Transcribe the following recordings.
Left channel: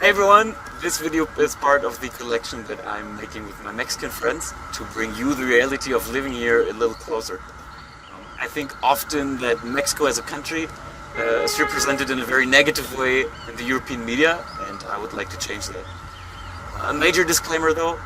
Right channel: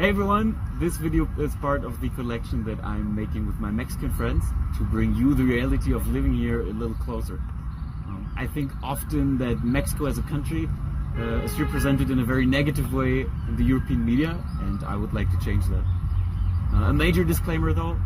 Hey everyone, this video is part of the collection that I'm making with my Mexican friends to bring you the reality of living here a little closer. I think often that Mexico as a country is represented in a very negative way in the European media, and I would like to change that. A major disclaimer though,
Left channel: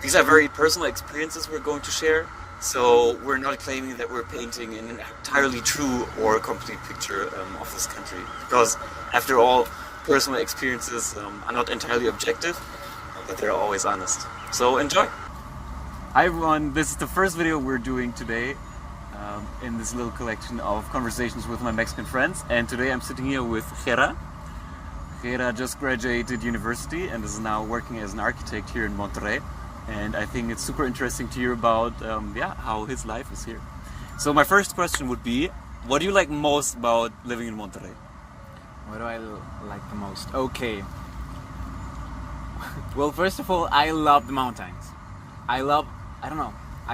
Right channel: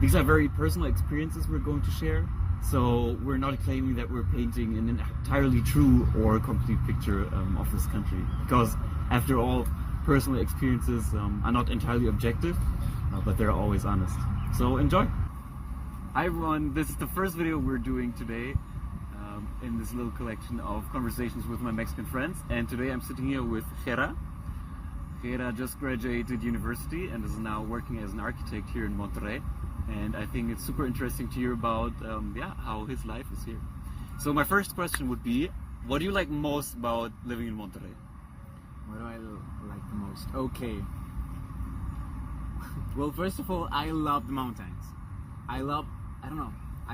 these are very personal experiences we're going to share, so we're not claiming that we're painting an entirely true or complete picture of this country, because after all, personal experiences are not entirely objective, but they're always honest. So enjoy! Hi everyone, this is the first video we're doing today in this little collection of conversations with my Mexican friends, and today I'm sitting here with Gera. Gera just graduated university and is now working as an architect here in Monterrey, and I think it's super interesting to hear about how his life is here. So my first question would be, what do you like most about living in Monterrey? What do I like the most? Okay. Well, first of all, I love the mountains. I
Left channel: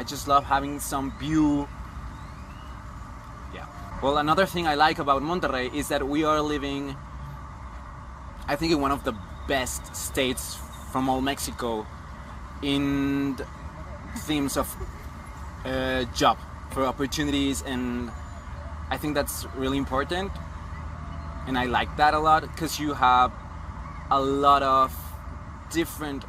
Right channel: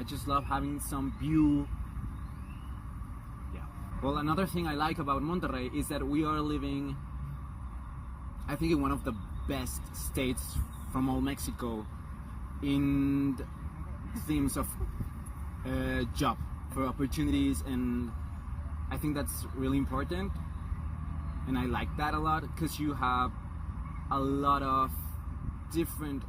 just love having some view. Yeah. Well, another thing I like about Monterrey is that we are living, I think, in one of the best states from all Mexico in themes of job for opportunities, and I think that's really important. And I like that a lot because you have a lot of different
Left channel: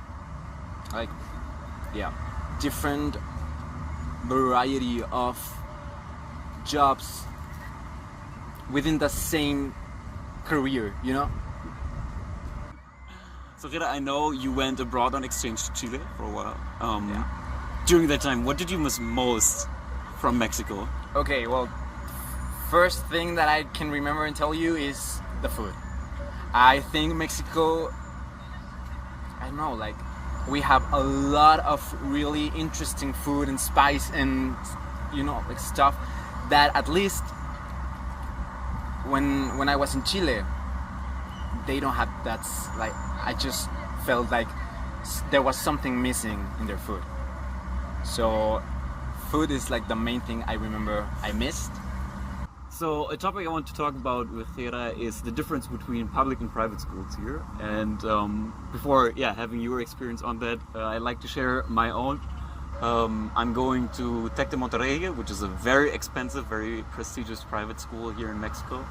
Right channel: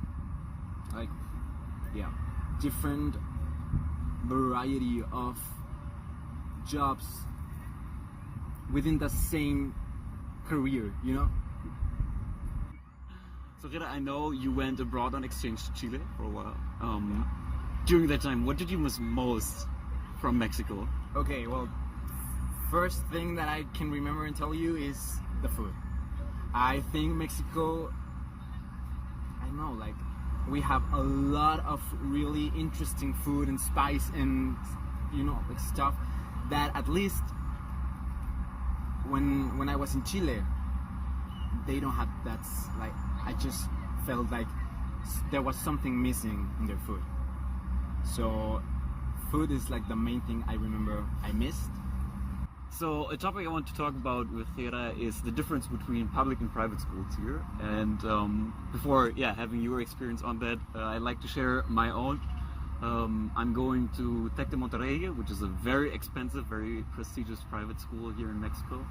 variety of jobs within the same career, you know? So Gera, I know you went abroad on exchange to Chile for a while. During that time, what did you miss most from Mexico? Okay, well, first thing that I can remember and tell you is the food. I think Mexico, I don't know, like, we have a lot of really interesting food and spice and, you know, like stuff that at least when I was in Chile, they don't have. That's like, I just felt like there was something missing in their food. So food is like the main thing I remember I missed. So a topic I want to talk about with Gera is the difference between public and private schools here. And before having your experience on that, I'd like to share my own. I'm going to Tec de Monterrey, which is a very expensive, very prestigious private school here in Mexico.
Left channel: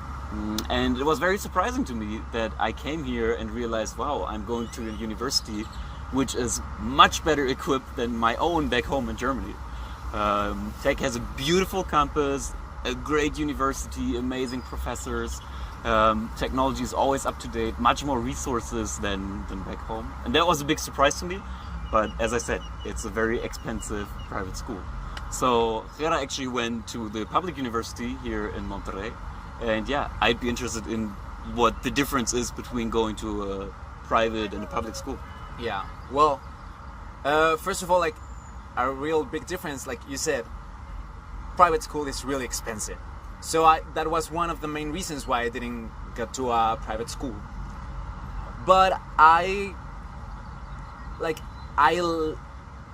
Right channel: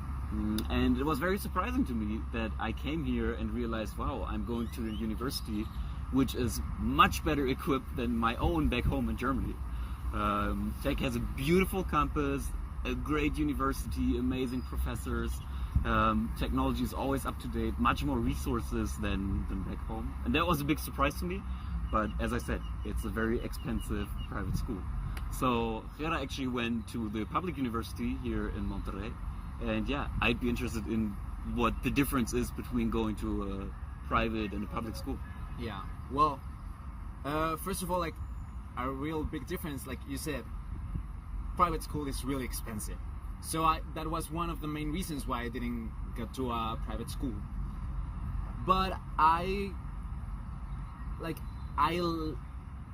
And it was very surprising to me that I came here and realized, wow, I'm going to a university which is much better equipped than my own back home in Germany. Tec has a beautiful campus, a great university, amazing professors, technology is always up to date, much more resources than back home. And that was a big surprise to me, but as I said, it's a very expensive private school. So Gera actually went to the public university here in Monterrey, and I'd be interested in what the difference is between going to a private and a public school. Yeah, well, first of all, like, a real big difference, like you said, private school is really expensive. So that was one of the main reasons why I didn't get to a private school. But I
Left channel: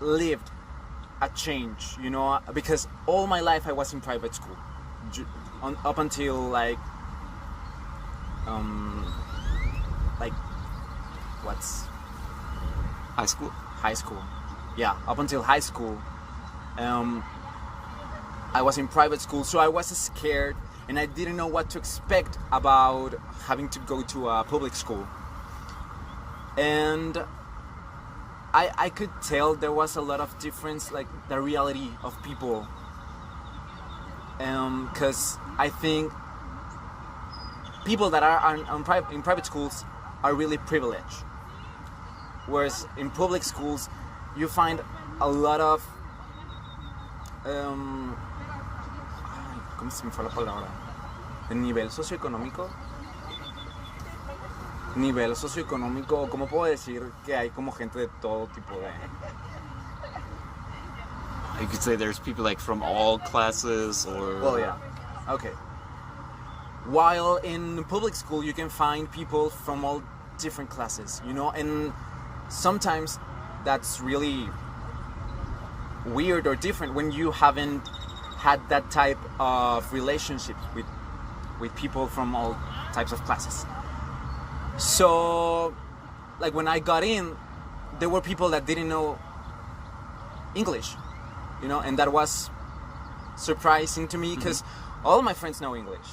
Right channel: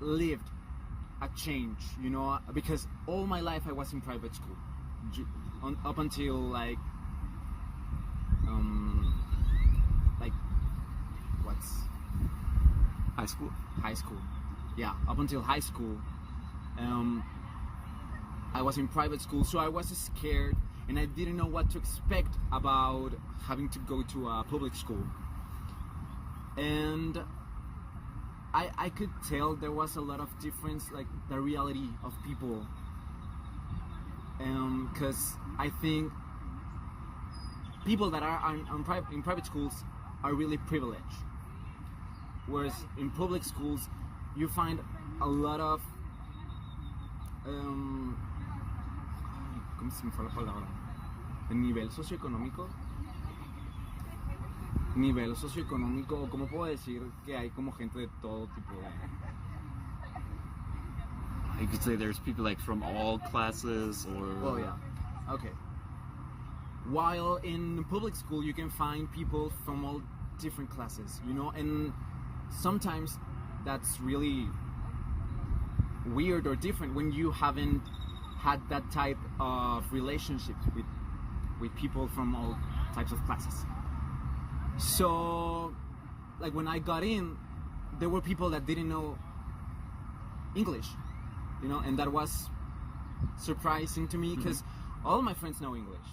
lived a change, you know, because all my life I was in private school. Up until what's High school? High school. Yeah, up until high school. I was in private school, so I was scared and I didn't know what to expect about having to go to a public school. And I could tell there was a lot of difference, like the reality of people. Because I think people that are in private schools are really privileged. Whereas in public schools, you find a lot of ¿cómo se me fue la palabra? El nivel socioeconómico. O cómo puedo decir que hay como gente de todo tipo de. You could say there's people like from all classes or. Well, yeah. Okay. While in public school, you can find people from all different classes, you know, and sometimes that's really weird or different when you haven't had that type of relationships with people from all types of classes. So like when I got in, there were people that didn't know English, you know, and that was surprising to me because all my friends know English.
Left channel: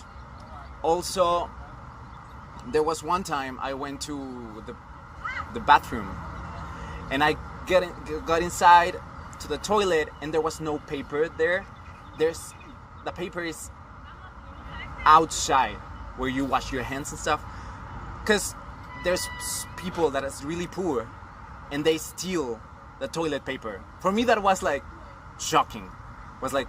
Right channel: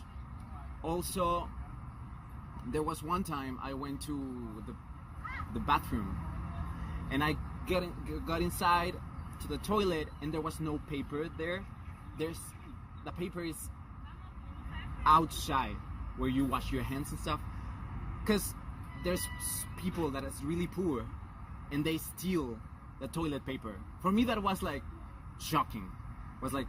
Also, there was one time I went to the bathroom, and I got inside to the toilet, and there was no paper there. The paper is outside where you wash your hands and stuff, because there's people that is really poor, and they steal the toilet paper. For me, that was like shocking. Was like,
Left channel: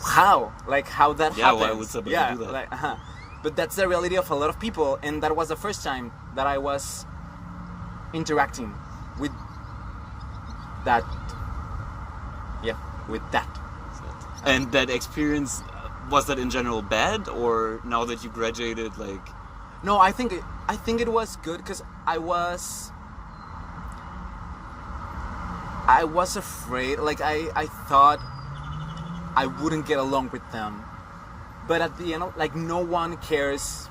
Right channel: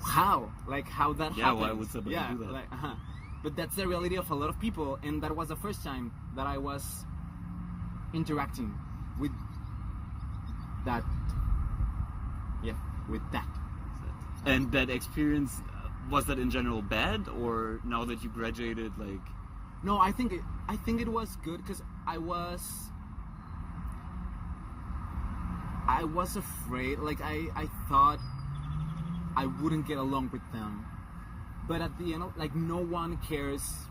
how that happens? Why would somebody do that? Like, But that's the reality of a lot of people, and that was the first time that I was interacting with that. Yeah, with that. And that experience, was that in general bad, or now that you graduated, like? No, I think it was good because I was afraid. Like I thought I wouldn't get along with them, but at the end, like, no one cares.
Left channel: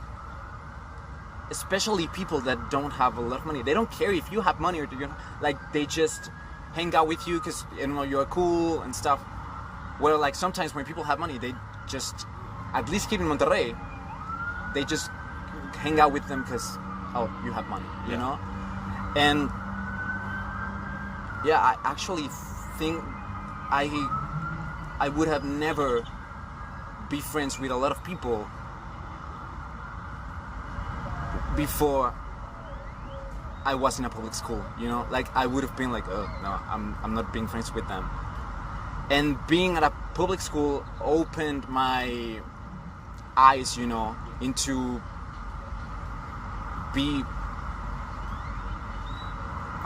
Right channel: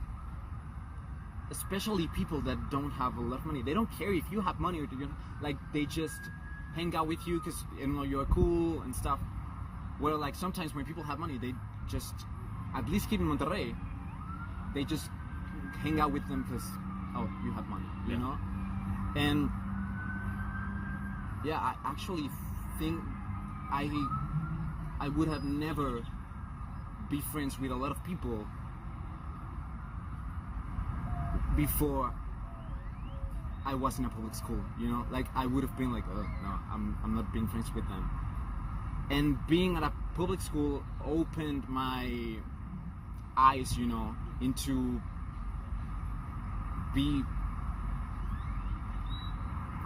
Especially people that don't have a lot of money. They don't care if you have money or you, like, they just hang out with you because, you know, you're cool and stuff. Where, like, sometimes when people have money, they just, at least here in Monterrey, they just hang out with them because, oh, you have money, you know? And yeah, I actually think I would have never be friends with a lot of people before I was in a public school, you know? Like, I would have been like, oh, no, I'm not being friends with them. And being at a public school opened my eyes, you know, into I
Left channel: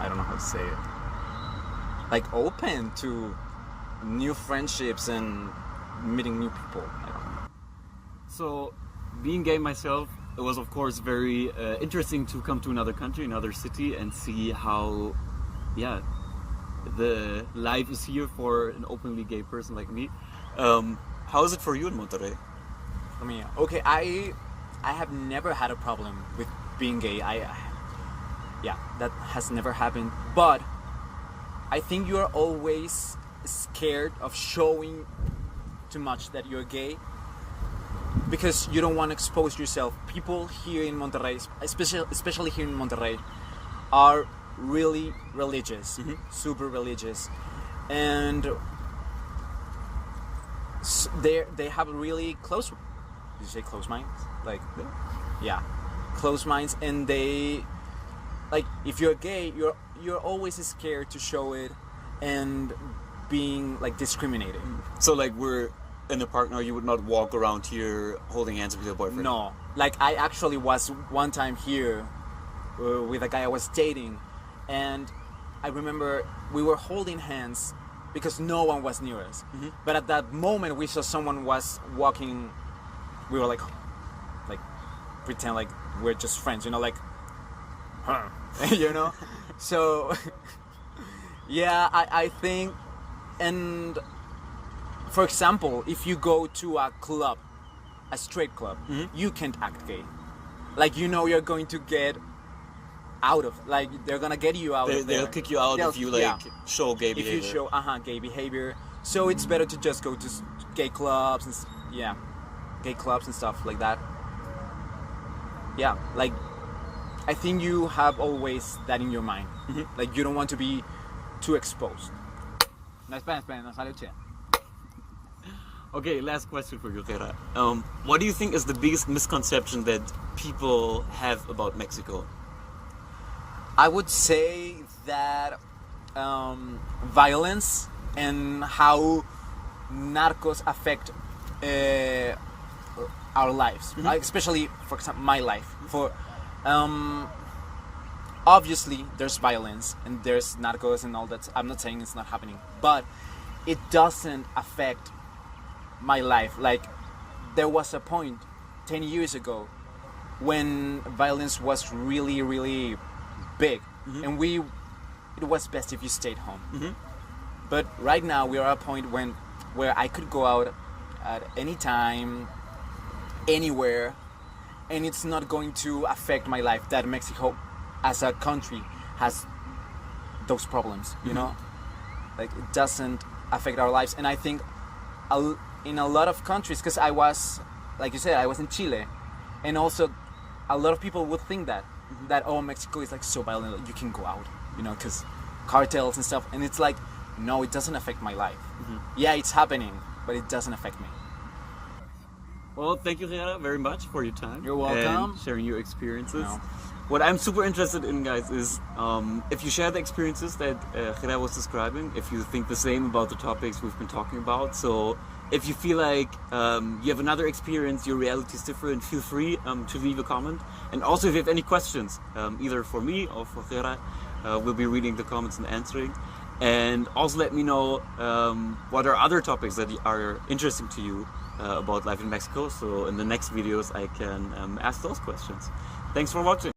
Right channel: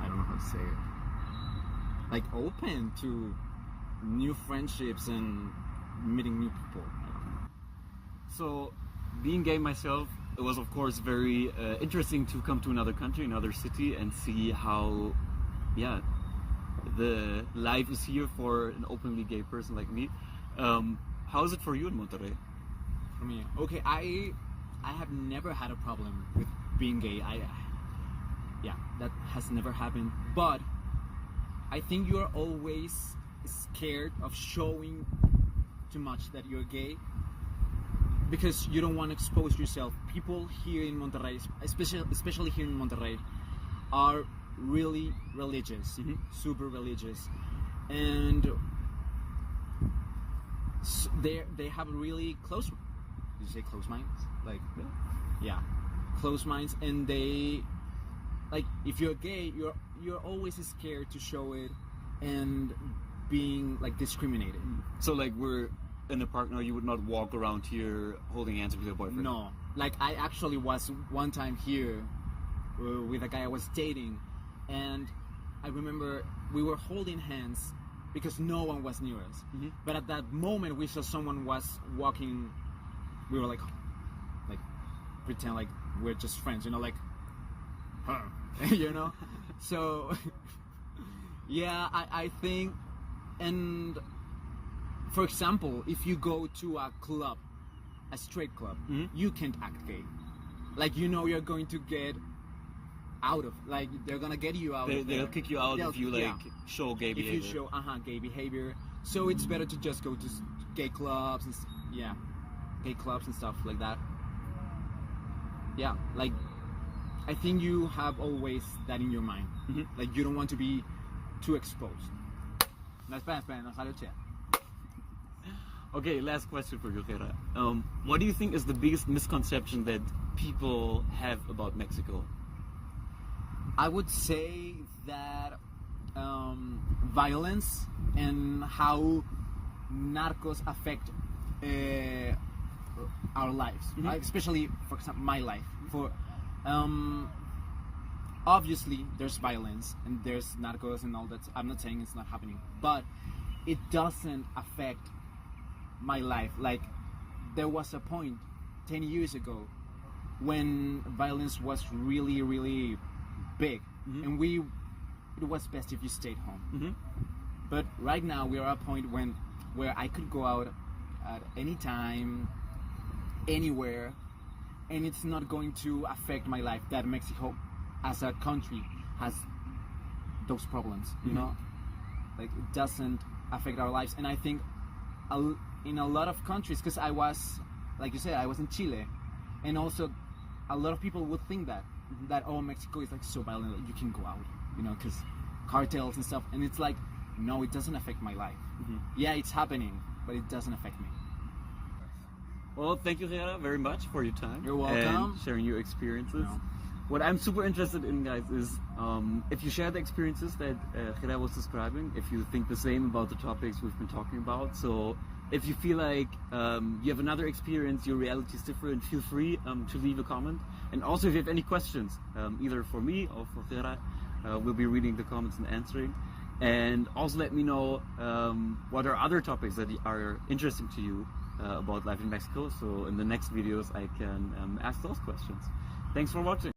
don't know how to say it. Like, open to new friendships and meeting new people. I don't know. So, being gay myself, it was of course very interesting to come to another country, another city, and see how, the life is here for an openly gay person like me. How is it for you in Monterrey? For me, okay, I have never had a problem with being gay. That has never happened. But I think you're always scared of showing too much that you're gay because you don't want to expose yourself. People here in Monterrey, especially here in Monterrey, are really religious, super religious, and they have really close. Did you say close minds? Like, yeah, close minds, and they, like, if you're gay, you're always scared to show it, and being, like, discriminated. So, like, we're in the park now, you would not walk around here holding hands with your boyfriend? No, like, I actually was one time here with a guy I was dating, and I remember we were holding hands because no one was near us. But at that moment we saw someone was walking, we were like pretend like we're just friends, you know, like, you know. So yeah, I think, and for example, if you go to a club, a straight club, you can't act gay. Like, you know, you're going to get out of, like, they're gonna get you out of there. They'll kick you out if you, like, show gay behavior. If you show gay behavior. So it's better to just go to gay clubs and gay clubs and stuff like that. Yeah, like, I think you have always that in your mind. Like, you don't want to be too exposed. No, espera, no sale che. Okay, last question for you, Gera. What do you think is the biggest misconception that people have about Mexico? I would say that violence and how narcos affect our lives, right? Especially, for example, my life. For obviously, there's violence and there's narcos and all that. I'm not saying it's not happening, but it doesn't affect my life. Like, there was a point 10 years ago when violence was really, really big, and it was best if you stayed home. But right now we are at a point where I could go out at any time, anywhere, and it's not going to affect my life that Mexico as a country has those problems, you know, like it doesn't affect our lives. And I think in a lot of countries, because I was, like you said, I was in Chile, and also a lot of people would think that oh, Mexico is like so violent, you can go out, you know, because cartels and stuff, and it's like, no, it doesn't affect my life. Yeah, it's happening, but it doesn't affect me. Well, thank you, Gera, very much for your time. You're welcome. And sharing your experiences. No. What I'm super interested in, guys, is if you share the experiences that Gera was describing, if you think the same about the topics we've been talking about. So if you feel like you have another experience, your reality is different, feel free to leave a comment. And also if you have any questions, either for me or for Gera, we'll be reading the comments and answering. And also let me know what are other topics that are interesting to you about life in Mexico. So in the next videos I can ask those questions. Thanks for watching.